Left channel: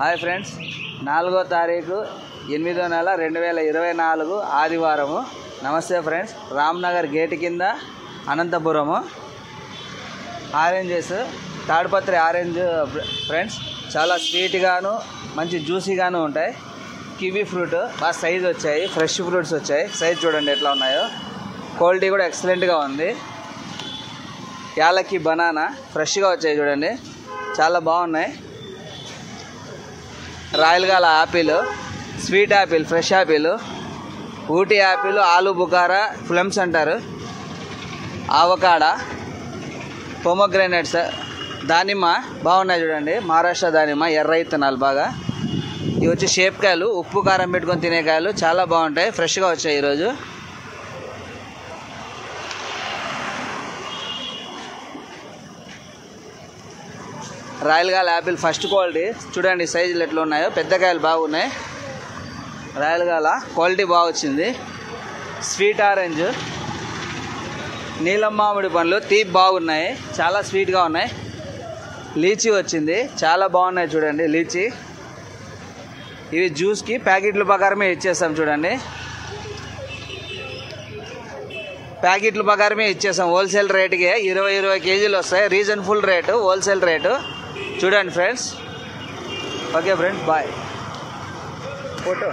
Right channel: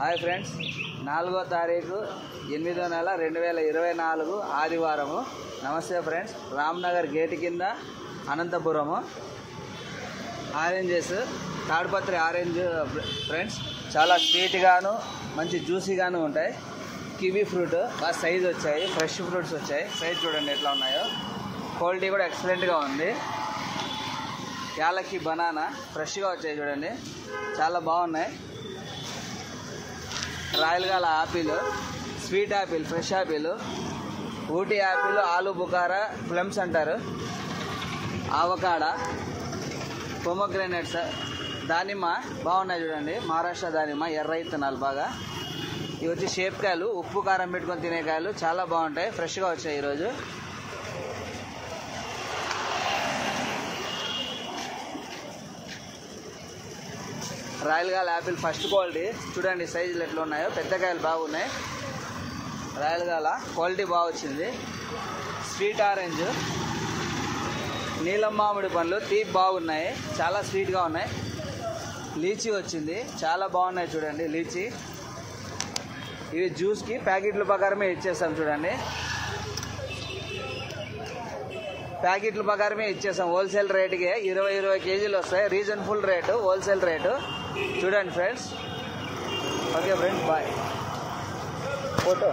Hi friends, 4వ తారీఖు 8వ నెల 2024 ఆదివారము. నమస్తే ఫ్రెండ్స్. రామ్నగర్ గేట్ కింద Anantapur. Oranges, Tadipatri orange friends, చాలా స్వీట్గాను మంచి జ్యూసీగాను ఉంటాయి. కివీ ఫ్రూట్ బాగా సైజ్ వచ్చాయి, ఫ్రెష్ ఫ్రూట్స్ వచ్చాయి. సైజ్ చూడండి ఎట్లా ఉన్నాయో, క్వాలిటీ కూడా ఎక్సలెంట్గా ఉంది. యాలకి బనానా ఫ్రెష్గా వచ్చాయి చూడండి, చాలా బాగున్నాయి. Royal gala apple, sweet apple, fresh apple, Ooty apple, ఆలు బుకారా, ప్లమ్స్ అంటారు, ఆవకాడా, పొమోగ్రానేట్స్, దానిమ్మ బాగున్నాయి చూడండి. మహారాష్ట్ర దానిమ్మ, ఎర్ర ఇత్తనాలు బాగా. ఇవి వచ్చి షేప్ కాయలు, ఉప్పు కారం పెట్టుకొని తినే కాయలు, చాలా బాగుంటాయి. ఫ్రెష్గా వచ్చాయి ఈరోజు. రాయల్గాల యాపిల్ ఫస్ట్ క్వాలిటీ చూడండి, సైజులు ఎట్లా ఉన్నాయో. పెద్ద కాయలు బాగున్నాయి. రాయల్గాల క్వాలిటీ బాగా వచ్చింది. స్వీట్ ఆరెంజ్, నీలం మామిడి పండ్లు తీపి బాగున్నాయి, చాలా స్వీట్గా ఉన్నాయి. లీచీ వచ్చింది, చాలా బాగున్నాయి చూడండి లీచీ. ఇవి జ్యూస్కి ప్యాకెట్ల ప్రకారమే ఇచ్చేస్తాం చూడండి, ప్యాకెట్ల ప్రకారమే ఇచ్చేస్తాం. హోల్సేల్ రేటుకే 20 కేజీలు వస్తాయి. రీజనబుల్ రేటు, హోల్సేల్ రేటు చూడండి friends. Okay friends, bye. Photo